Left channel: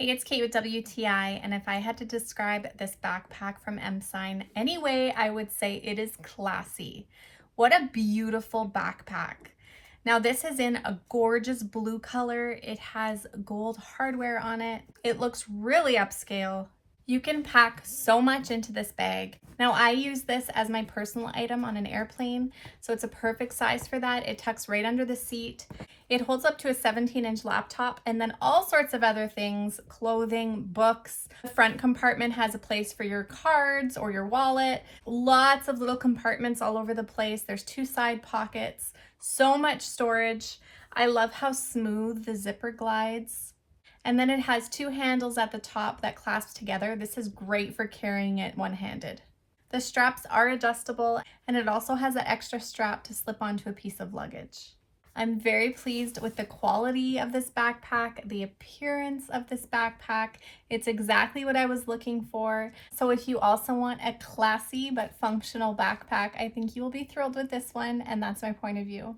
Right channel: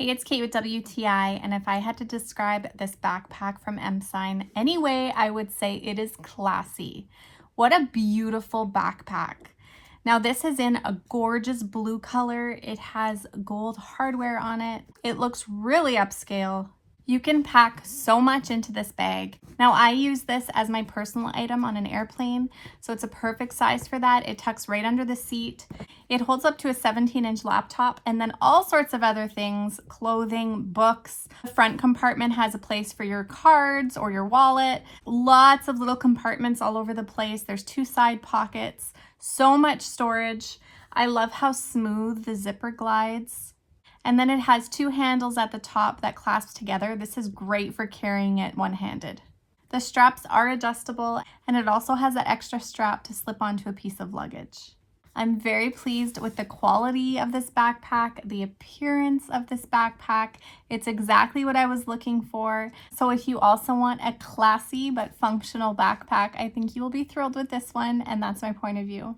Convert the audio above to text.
Hey, it's Kate with WTI, and if I had to describe this backpack from EMPSIGN any way, I would say it is classy. What a beautiful backpack. Now this is in a gorgeous blue color. It has gold hardware on it. It looks really upscale. You can pack so much into this bag. Now I use this as my personal item on an airplane, so it's a perfect size for that. It tucks right under the seat. It holds up to a 17-inch laptop and then all sorts of other things, clothing, books. The front compartment has a place for your cards or your wallet. Lots of little compartments all over the place. There's 2 side pockets, so much storage. I love how smooth the zipper glides. And then it has 2 handles at the top that clasp together. This is great for carrying it one-handed. The straps are adjustable, and it also has an extra strap to slip onto a piece of luggage. I'm very pleased with the quality of this backpack, the appearance of this backpack. It's exactly what I was looking for. So if you also want a classy but functional backpack, I think you will be thrilled with this one, and that's my point of view.